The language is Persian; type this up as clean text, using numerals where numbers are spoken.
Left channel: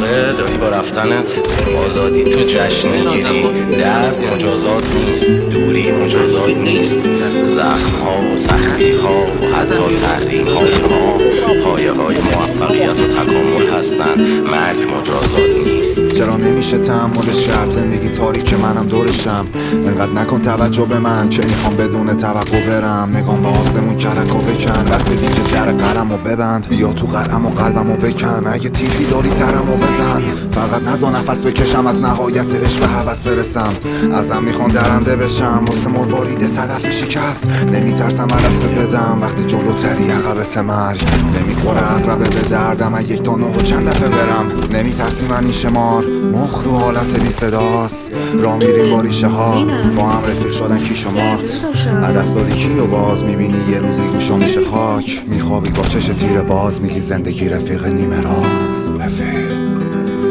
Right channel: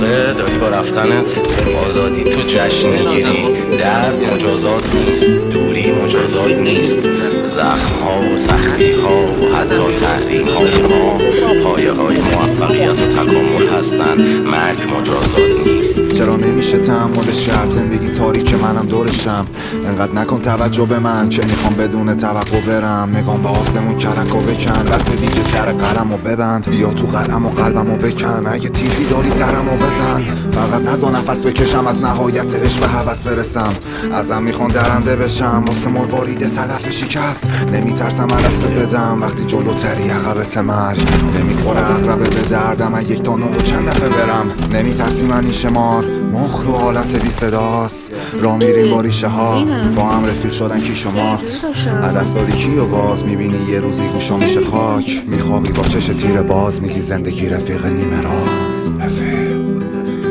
واقع داری با رفتنت آزادی تو جشن میگیری. درد مجازات نیست، دوری مجازات نیست، زخم ها و سختی ها و حتی تحریم های ما پایه های موفقیت و تکامل هستن. مرگ مجازات نیست. چرا نمیشه تحملش کرد؟ زندگی تاریک منم دورشم. انقدر نکن توجه به من که میخوام بدون توقع برم. نگام به آسمون کرک و بکن، بس دیگه در قلم و ببند. بیا تو قلم و قلبم و بکن، اگه تیزی داری سرم و بزن. فقط نزا نفس بکشم، از نهایت عشق به هوس برسم. ازم میخوان درنده بشم واسه مروارید صدف شکست. نمیترسم عرصه بدم وقتی جلوتری عقبت مرگ. نمیخوره عقربه به دردم از یک تا نه و چند دفعه برم. نمیترسی من این شمار مخ رو حالت بی صداست. را میریم با ریشه ها، با هم رفیق شدن کی شمات. عدس داری کی و باز میبینی یه روزی گوشا میشه خاک. میخوابی با چش تیر باز، میگی زندگی رفیق نیمه راست. رفیق